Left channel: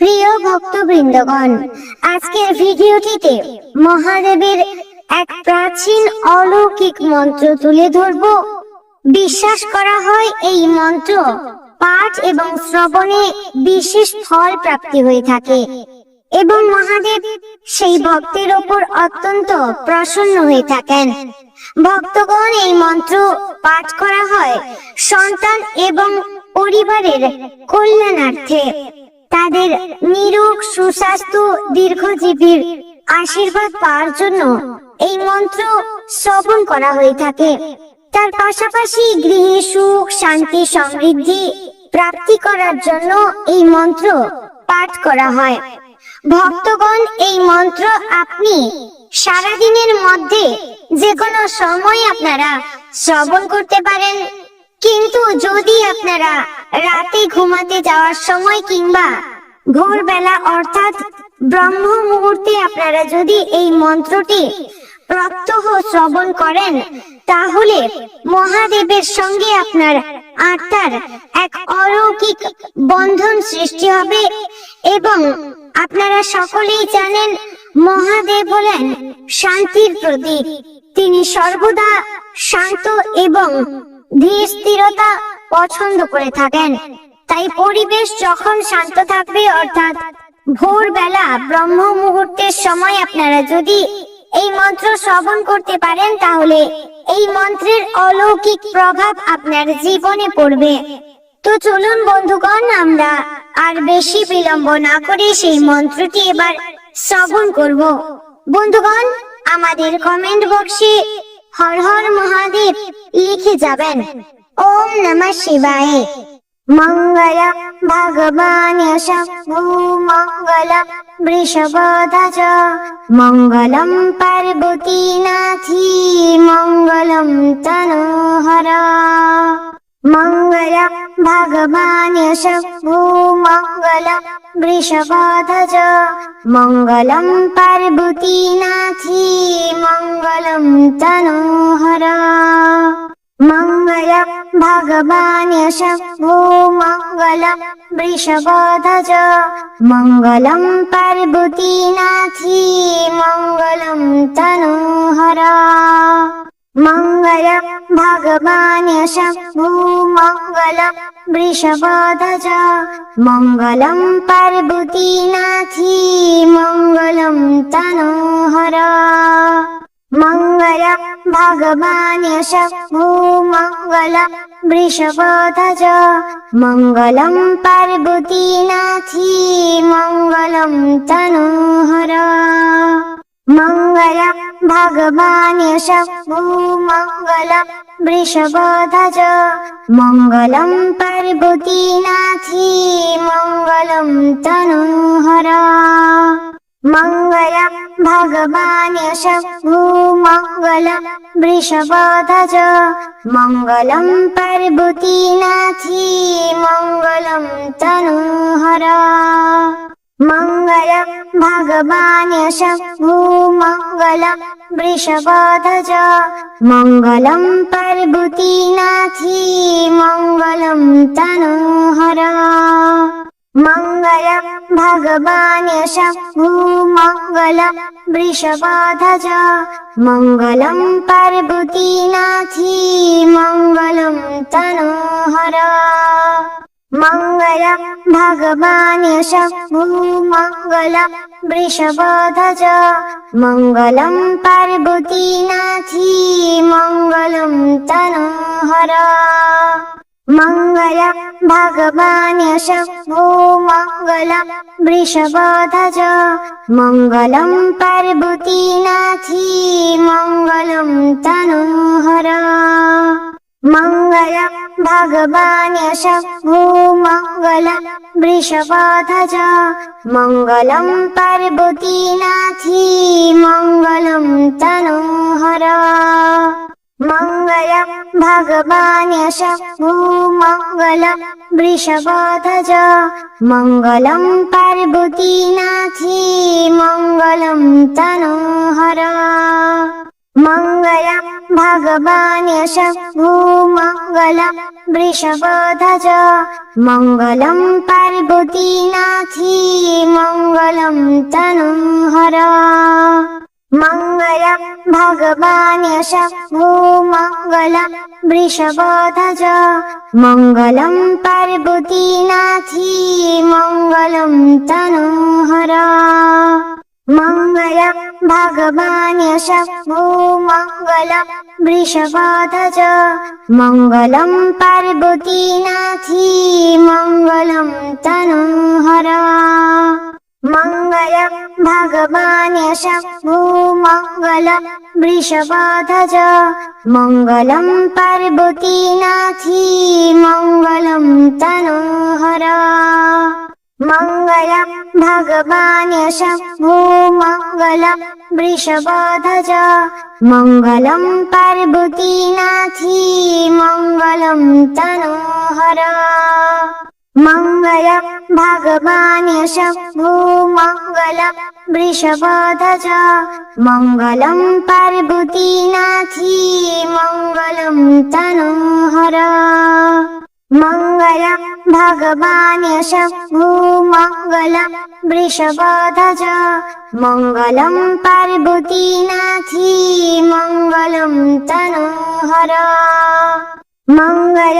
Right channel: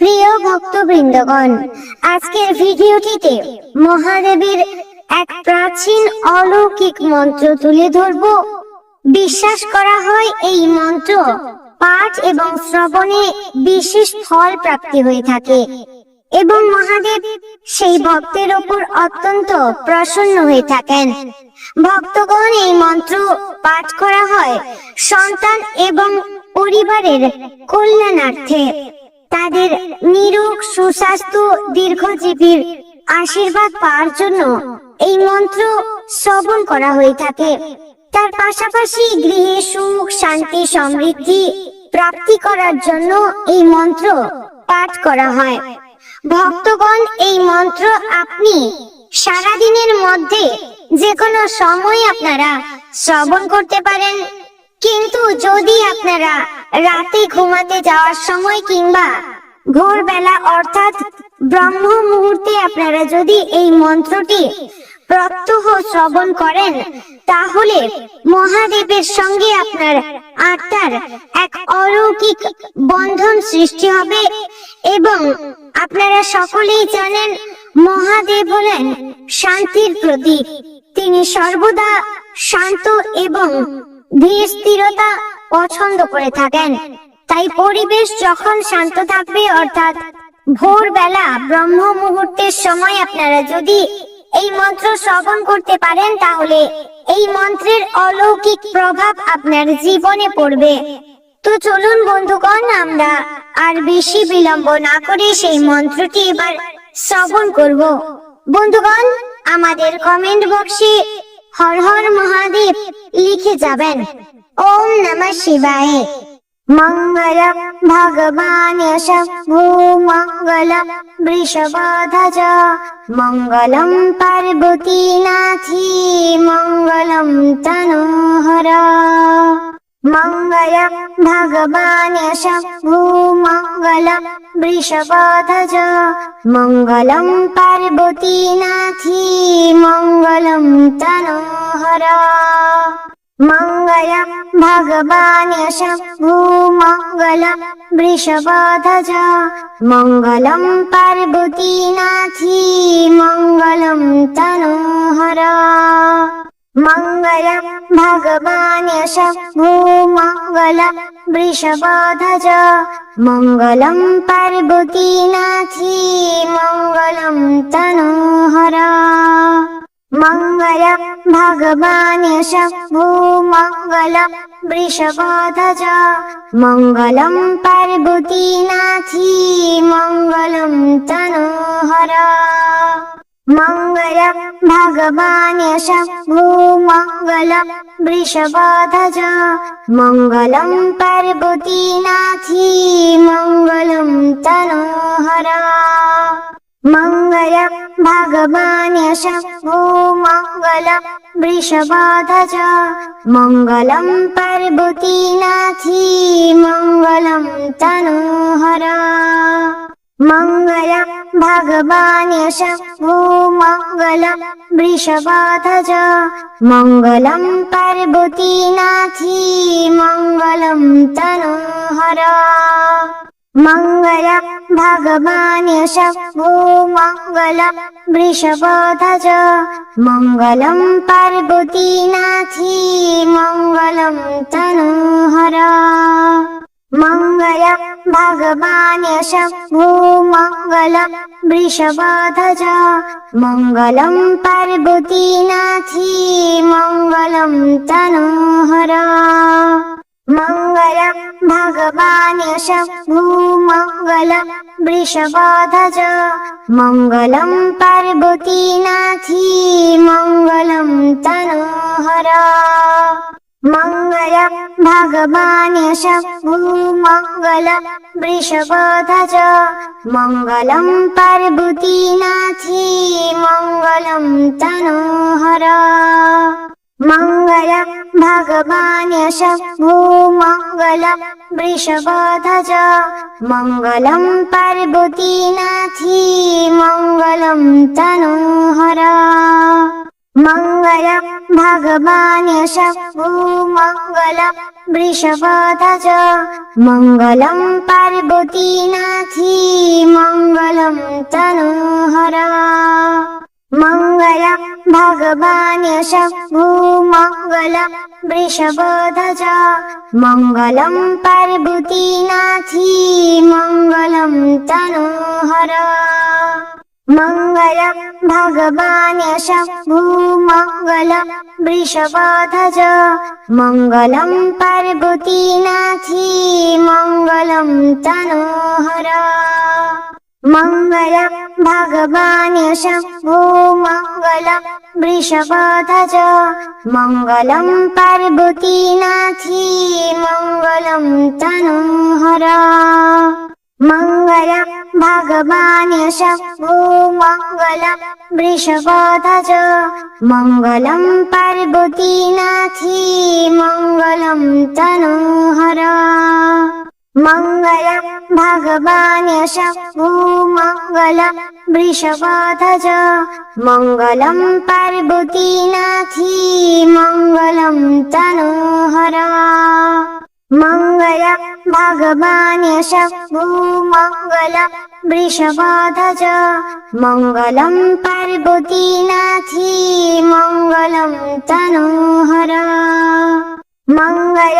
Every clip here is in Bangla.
প্রিয় ভক্তবৃন্দগণ, আজকের ভিডিওটিতে মহাদেবের এক প্রাচীন অলৌকিক মন্ত্র তুলে ধরব। বিশ্বাস করা হয় এই মন্ত্র পাঠ এবং শ্রবণে বিশেষ ফল প্রাপ্তি হয়ে থাকে এবং মহাদেব সেই ভক্তের ওপর অত্যন্ত প্রসন্ন হয়ে থাকেন। ভক্তগণ এই মন্ত্র পাঠ করা হয় সন্তান এবং পরিবারের কল্যাণার্থে। তাদের নিরোগ, সুস্বাস্থ্য, দীর্ঘজীবীর আশীর্বাদ পাওয়ার জন্য এই মন্ত্র শ্রবণ করা হয়ে থাকে। তার পাশাপাশি গৃহে সুখ, শান্তি, সমৃদ্ধি প্রাপ্তি করার জন্য এই মন্ত্র পাঠ করা হয়। ভক্তগণ, এই মন্ত্র আপনি সারাদিনের মধ্যে যে কোনো সময় আপনারা শ্রবণ করতে পারেন। কিন্তু যদি আপনারা রাতে ঘুমাতে যাওয়ার সময় কিংবা ভোরবেলা, অর্থাৎ ব্রহ্ম মুহূর্তে আপনারা যদি এই মন্ত্রটি প্রত্যহ শ্রবণ করেন, তাহলে মহাদেবের সঙ্গে আপনার আত্মার এক অলৌকিক বন্ধন সৃষ্টি হবে এবং আপনারা সকলেই জানেন মহাদেব হলেন শান্তির প্রতীক। তিনি সর্বদা শান্ত এবং ধীর স্থিরতা পছন্দ করে থাকেন। তাই পরিবেশ যখন শান্ত থাকবে, অর্থাৎ ভোরবেলা ব্রহ্ম মুহূর্তের সময় আপনারা যদি এই মন্ত্র শ্রবণ করতে পারেন, তাহলে এই মন্ত্রের অলৌকিক প্রভাব আপনার জীবনে পড়বে। তো চলুন বন্ধুগণ, আমরা আর বেশি বিলম্ব না করে সেই মন্ত্রটি এবার শ্রবণ করব। বন্ধুগণ, আমাদের কমেন্ট বক্সে হর হর মহাদেব লিখে যাবেন। ওম নমঃ শিবায়। মঙ্গল ভগবান শম্ভু, মঙ্গল বৃষভধ্বজ, মঙ্গলম পার্বতী নাথি মঙ্গলম ভগবান শম্ভু মঙ্গল বৃষভধ্বজ মঙ্গলম পার্বতী নাথি মঙ্গলম তনোহর মঙ্গল ভগবান শম্ভু মঙ্গল বৃষভধ্বজ মঙ্গলম পার্বতী নাথি মঙ্গলম তনোহর মঙ্গল ভগবান শম্ভু মঙ্গল বৃষভধ্বজ মঙ্গলম পার্বতী নাথি মঙ্গলম তনোহর মঙ্গল ভগবান শম্ভু মঙ্গল বৃষভধ্বজ। মঙ্গলম পার্বতী নাথি মঙ্গলম তনোহর। মঙ্গল ভগবান শম্ভু মঙ্গল বৃষভধ্বজ। মঙ্গলম পার্বতী নাথি মঙ্গলম তনোহর মঙ্গল ভগবান শম্ভু মঙ্গল বৃষভধ্বজ মঙ্গলম পার্বতী নাথি মঙ্গলম তনোহর মঙ্গল ভগবান শম্ভু মঙ্গল বৃষভধ্বজ মঙ্গলম পার্বতী নাথি মঙ্গলম তনোহর মঙ্গল ভগবান শম্ভু মঙ্গল বৃষভধ্বজ মঙ্গলম পার্বতী নাথি মঙ্গলম তনোহর মঙ্গল ভগবান শম্ভু মঙ্গল বৃষভধ্বজ মঙ্গলম পার্বতী নাথি মঙ্গলম তনোহর মঙ্গল ভগবান শম্ভু মঙ্গল বৃষভধ্বজ মঙ্গলম পার্বতী भगवान्यश भूमङ्गल वृषपथ च मङ्गलं पार्वतीनाथी मङ्गलं तनोहर मङ्गल भगवान्यश भूमङ्गल वृषपथ च मङ्गलं पार्वतीनाथी मङ्गलं तनोहर मङ्गल भगवान् शम्भुमङ्गल वृषभध्वज मङ्गलं पार्वतीनाथी मङ्गलं तनोहर मङ्गल भगवान् शम्भुमङ्गल वृषभध्वज मङ्गलं पार्वतीनाथी मङ्गलं तनोहर मङ्गल भगवान् शम्भुमङ्गल वृषभध्वज मङ्गलं पार्वतीनाथी मङ्गलं तनोहर मङ्गल भगवान् शम्भुमङ्गल वृषभध्वज मङ्गलं पार्वतीनाथी मङ्गलं तनोहर मङ्गल भगवान् शम्भुमङ्गल वृषभध्वज मङ्गलं पार्वतीनाथी मङ्गलं तनोहर मङ्गल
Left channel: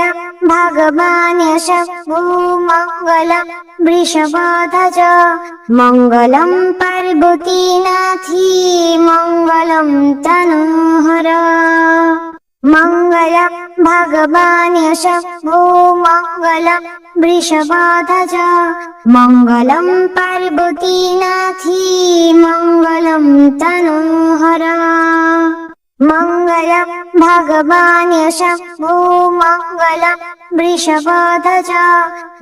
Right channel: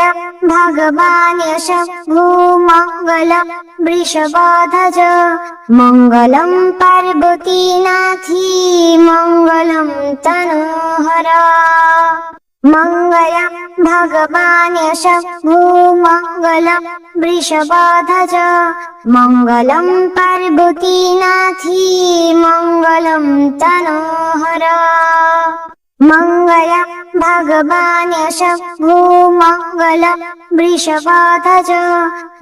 भगवान् शम्भुमङ्गल वृषभध्वज मङ्गलं पार्वतीनाथी मङ्गलं तनोहर मङ्गल भगवान् शम्भुमङ्गल वृषभध्वज मङ्गलं पार्वतीनाथी मङ्गलं तनोहर मङ्गल भगवान् शम्भुमङ्गल वृषभध्वज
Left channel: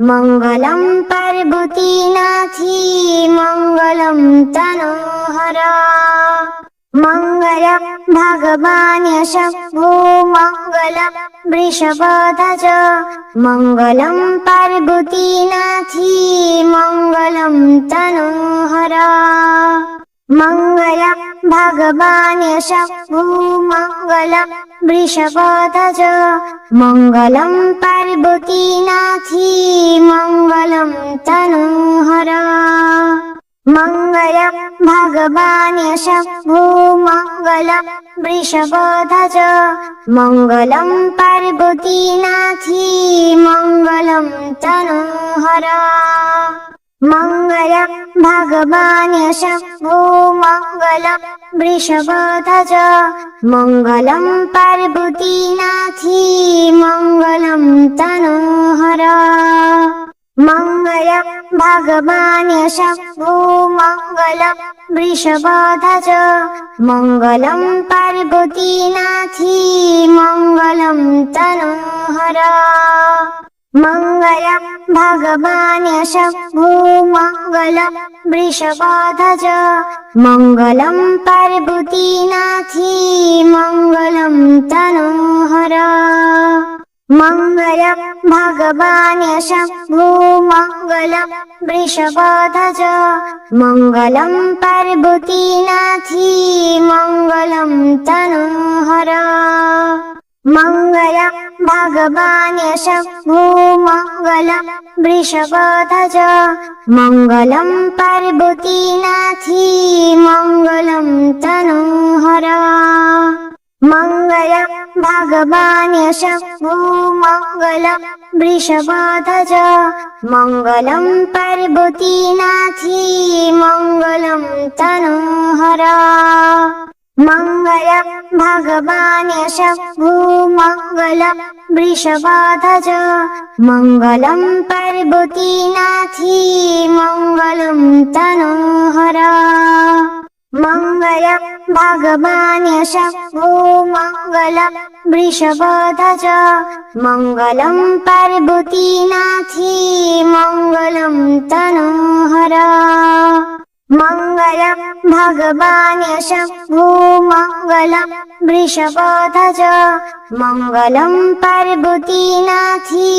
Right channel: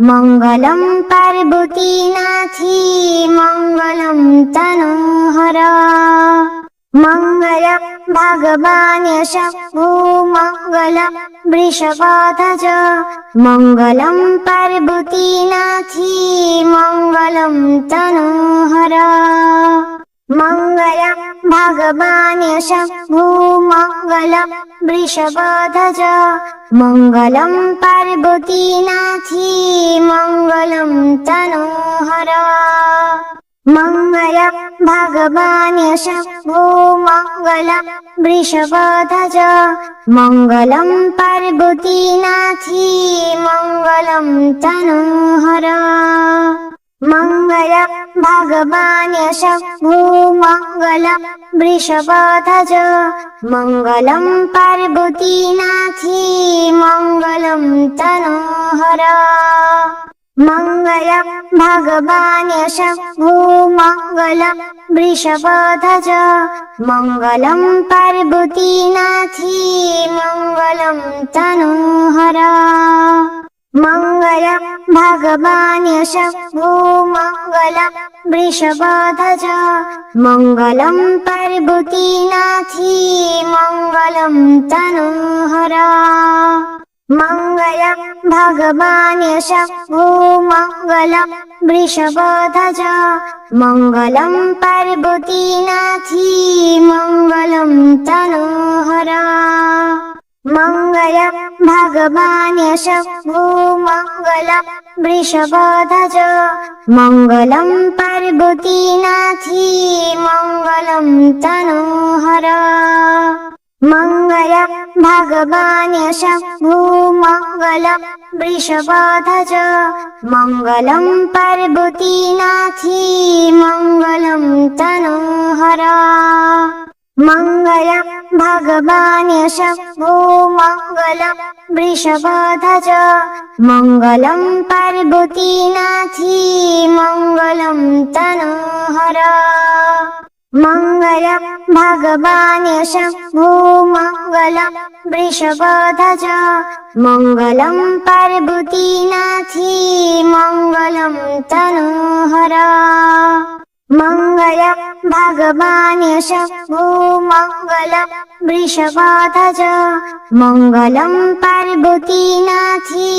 मङ्गलं पार्वतीनाथी मङ्गलं तनोहर मङ्गल भगवान् शम्भुमङ्गल वृषभध्वज मङ्गलं पार्वतीनाथी मङ्गलं तनोहर मङ्गल भगवान् शम्भुमङ्गल वृषभध्वज मङ्गलं पार्वतीनाथी मङ्गलं तनोहर मङ्गल भगवान् शम्भुमङ्गल वृषभध्वज मङ्गलं पार्वतीनाथी मङ्गलं तनोहर मङ्गल भगवान् शम्भुमङ्गल वृषभध्वज मङ्गलं पार्वतीनाथी मङ्गलं तनोहर मङ्गल भगवान् शम्भुमङ्गल वृषभध्वज मङ्गलं पार्वतीनाथी मङ्गलं तनोहर मङ्गल भगवान् शम्भुमङ्गल वृषभध्वज मङ्गलं पार्वतीनाथी मङ्गलं तनोहर मङ्गल भगवान् शम्भुमङ्गल वृषभध्वज मङ्गलं पार्वतीनाथी मङ्गलं तनोहर मङ्गल भगवान् शम्भुमङ्गल वृषभध्वज मङ्गलं पार्वतीनाथी मङ्गलं तनोहर मङ्गल भगवान् शम्भुमङ्गल वृषभध्वज मङ्गलं पार्वतीनाथी मङ्गलं तनोहर मङ्गल भगवान् शम्भुमङ्गल वृषभध्वज मङ्गलं पार्वतीनाथी मङ्गलं तनोहर मङ्गल भगवान् शम्भुमङ्गल वृषभध्वज मङ्गलं पार्वतीनाथी मङ्गलं तनोहर मङ्गल भगवान् शम्भुमङ्गल वृषभध्वज मङ्गलं पार्वतीनाथी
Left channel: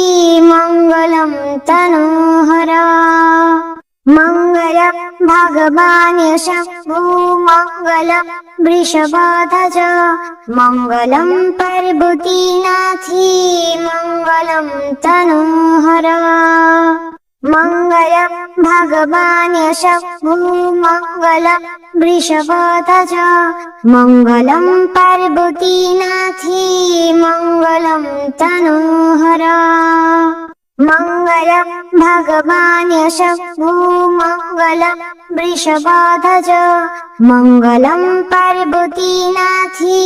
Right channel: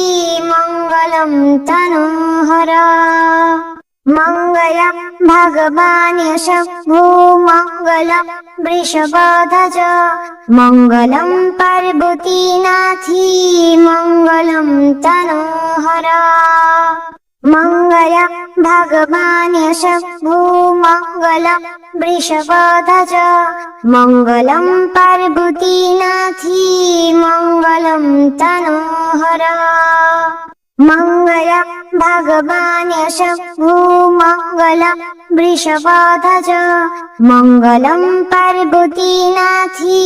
मङ्गलं तनोहर मङ्गल भगवान् शम्भुमङ्गल वृषभाध्वज मङ्गलं पार्वतीनाथी मङ्गलं तनोहर मङ्गल भगवान् यशभू मङ्गल वृषभध्वज मङ्गलं पार्वतीनाथी मङ्गलं मङ्गल भगवान् यशभू मङ्गल वृषभध्वज मङ्गलं पार्वतीनाथी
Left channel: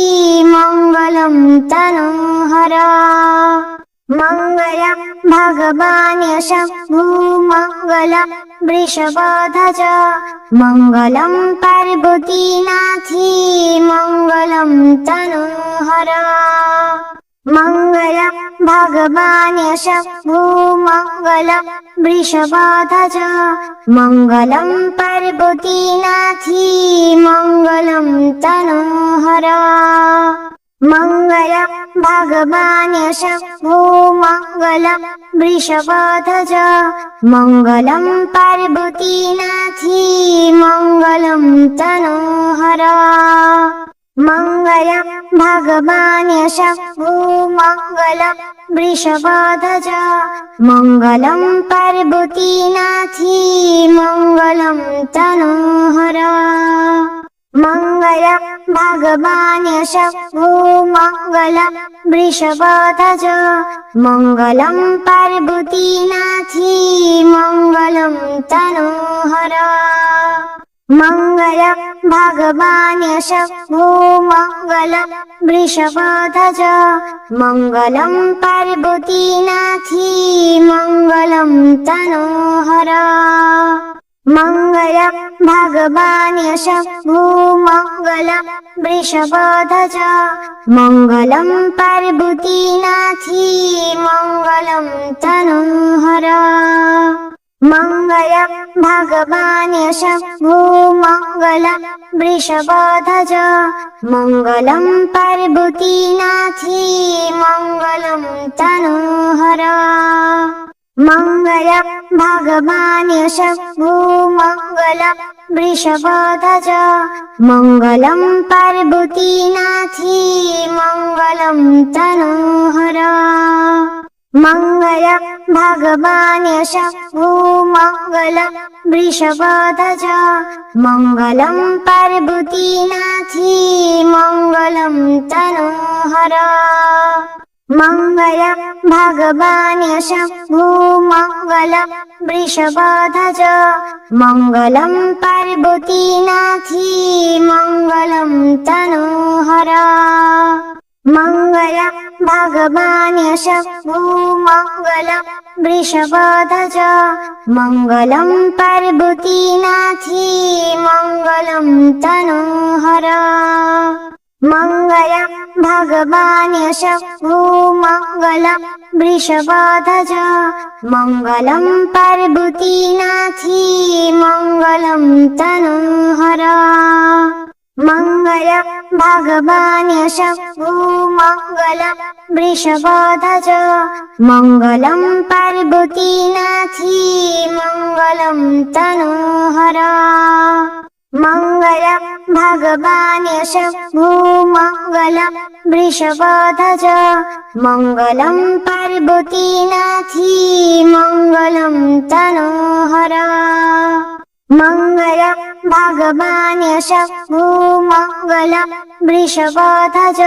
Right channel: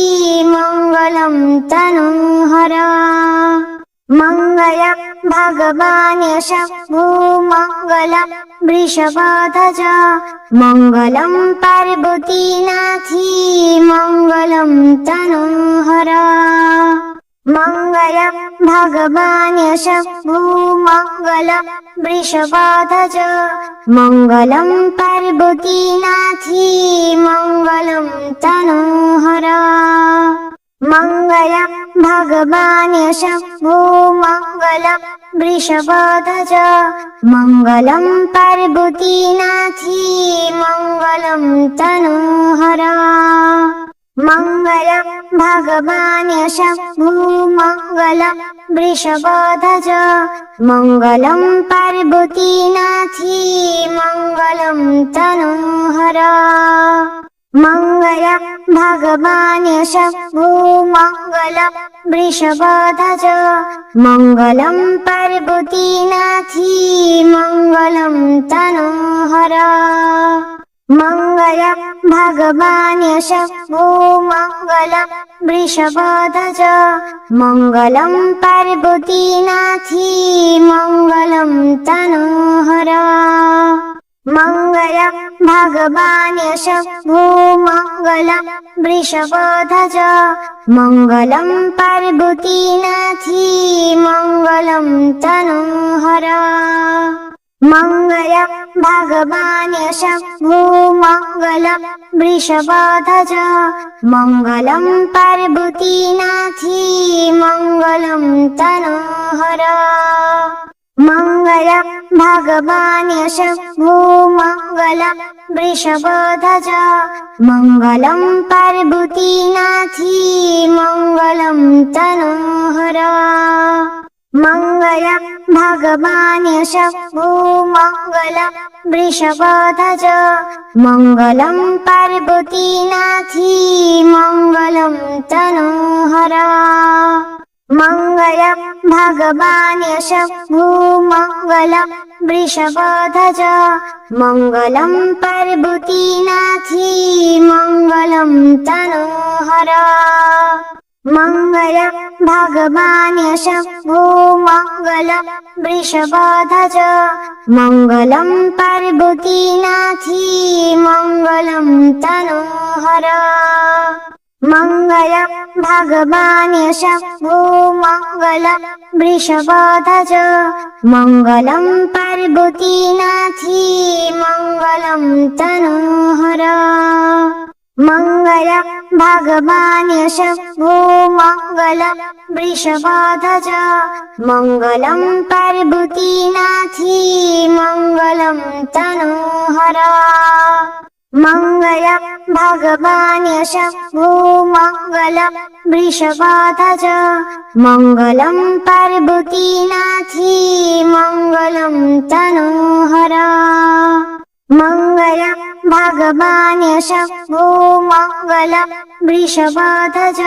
मङ्गलं तनोहर मङ्गल भगवान् यशभू मङ्गल वृषभध्वज मङ्गलं पार्वतीनाथी मङ्गलं तनोहर मङ्गल भगवान् यशभू मङ्गल वृषभध्वज मङ्गलं पार्वतीनाथी मङ्गलं तनोहर मङ्गल भगवान् यशभू मङ्गल वृषभध्वज मङ्गलं पार्वतीनाथी मङ्गलं तनोहर मङ्गल भगवान् यशभू मङ्गल वृषभध्वज मङ्गलं पार्वतीनाथी मङ्गलं तनोहर मङ्गल भगवान् यशभू मङ्गल वृषभध्वज मङ्गलं पार्वतीनाथी मङ्गलं तनोहर मङ्गल भगवान् यशभू मङ्गल वृषभध्वज मङ्गलं पार्वतीनाथी मङ्गलं तनोहर मङ्गल भगवान् यशभू मङ्गल वृषभध्वज मङ्गलं पार्वतीनाथी मङ्गलं तनोहर मङ्गल भगवान् यशभू मङ्गल वृषभध्वज मङ्गलं पार्वतीनाथी मङ्गलं तनोहर मङ्गल भगवान् यशभू मङ्गल वृषभध्वज मङ्गलं पार्वतीनाथी मङ्गलं तनोहर मङ्गल भगवान् यशभू मङ्गल वृषभध्वज मङ्गलं पार्वतीनाथी मङ्गलं तनोहर मङ्गल भगवान् यशभू मङ्गल वृषभध्वज मङ्गलं पार्वतीनाथी मङ्गलं भगवान् यशभू मङ्गल वृषभध्वज मङ्गलं पार्वतीनाथी मङ्गलं तनोहर मङ्गल भगवान् यशभू मङ्गल वृषभध्वज मङ्गलं पार्वतीनाथी मङ्गलं तनोहर मङ्गल भगवान् यशभू বৃষবধ্বজ মঙ্গলম পার্বতীনাথী মঙ্গলম তনোহর। মঙ্গল ভগবান্যশ ভূমঙ্গল বৃষবধ্বজ মঙ্গলম পার্বতীনাথী মঙ্গলম তনোহর। मङ्गलं तनोहर मङ्गल भगवान् यशभू मङ्गल वृषभध्वज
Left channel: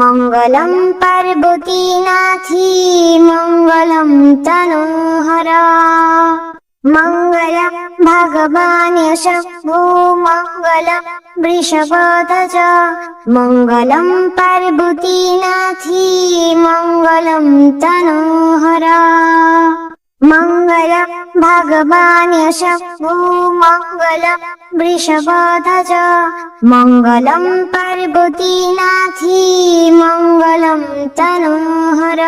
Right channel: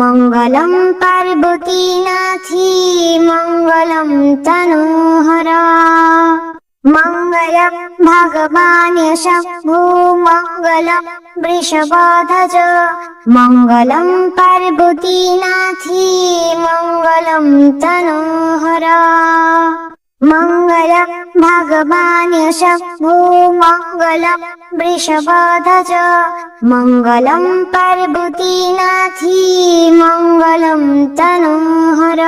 मङ्गलं पार्वतीनाथी मङ्गलं तनोहर मङ्गल भगवान् यशभू मङ्गल वृषभध्वज मङ्गलं पार्वतीनाथी मङ्गलं तनोहर मङ्गल भगवान् यशभू मङ्गल वृषभध्वज मङ्गलं पार्वतीनाथी मङ्गलं तनोहर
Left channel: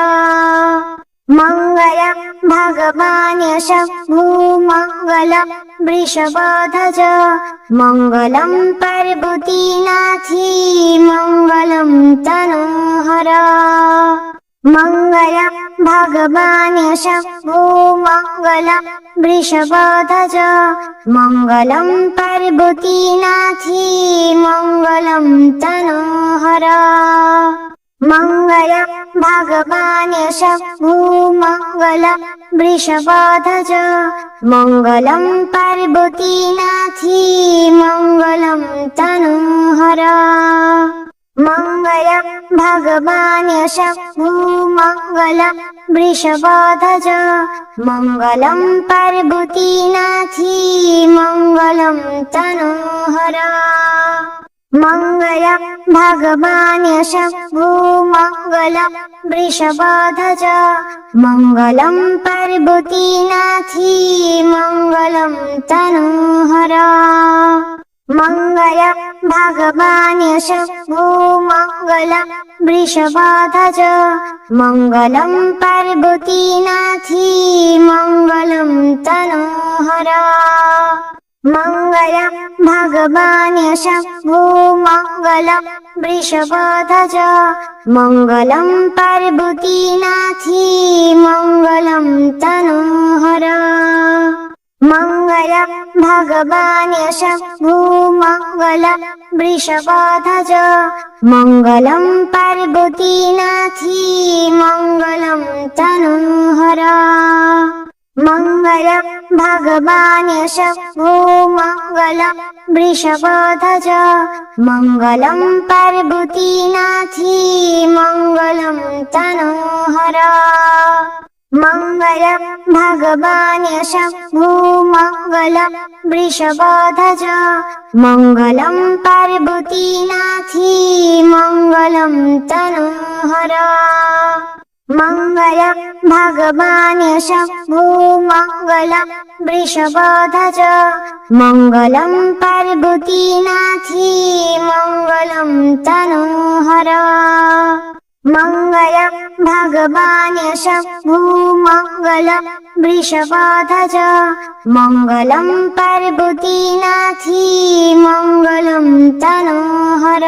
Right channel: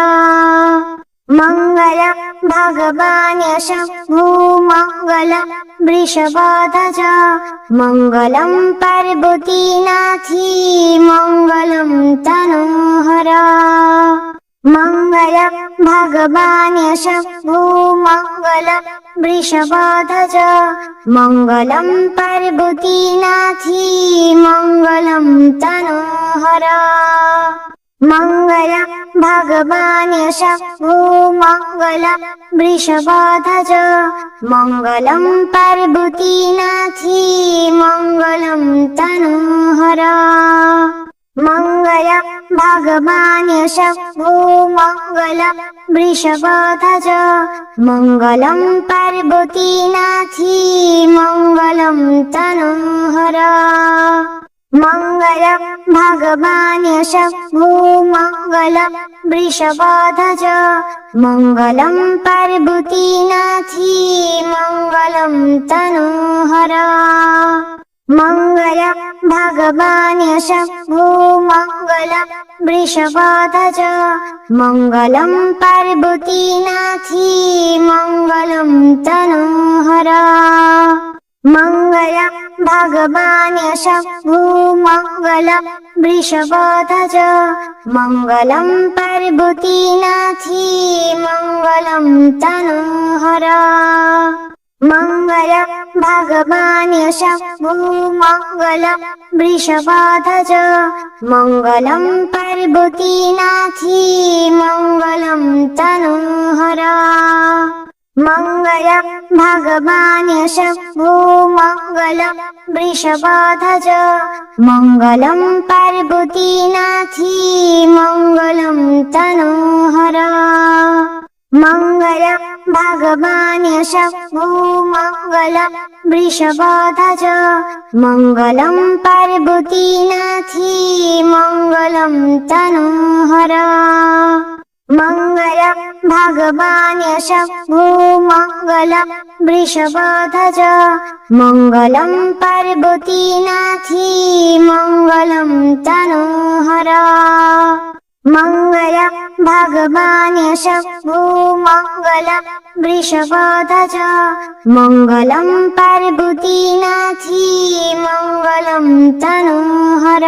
मङ्गल भगवान् यशभू मङ्गल वृषभध्वज मङ्गलं पार्वतीनाथी मङ्गलं तनोहर मङ्गल भगवान् यशभू मङ्गल वृषभध्वज मङ्गलं पार्वतीनाथी मङ्गलं तनोहर मङ्गल भगवान् शम्भुमङ्गल वृषभध्वज मङ्गलं पार्वतीनाथी मङ्गलं तनोहर मङ्गल भगवान् शम्भुमङ्गल वृषभध्वज मङ्गलं पार्वतीनाथी मङ्गलं तनोहर मङ्गल भगवान् शम्भुमङ्गल वृषभध्वज मङ्गलं पार्वतीनाथी मङ्गलं तनोहर मङ्गल भगवान् शम्भुमङ्गल वृषभध्वज मङ्गलं पार्वतीनाथी मङ्गलं तनोहर मङ्गल भगवान् शम्भुमङ्गल वृषभध्वज मङ्गलं पार्वतीनाथी मङ्गलं तनोहर मङ्गल भगवान् शम्भुमङ्गल वृषभध्वज मङ्गलं पार्वतीनाथी मङ्गलं तनोहर मङ्गल भगवान् शम्भुमङ्गल वृषभध्वज मङ्गलं पार्वतीनाथी मङ्गलं तनोहर मङ्गल भगवान् शम्भुमङ्गल वृषभध्वज मङ्गलं पार्वतीनाथी मङ्गलं तनोहर मङ्गल भगवान् शम्भुमङ्गल वृषभध्वज मङ्गलं पार्वतीनाथी मङ्गलं तनोहर मङ्गलम् भगवान् सू मङ्गलम् वृषपथ च मङ्गलम् पर्वतीनाथि मङ्गलं तनोहर।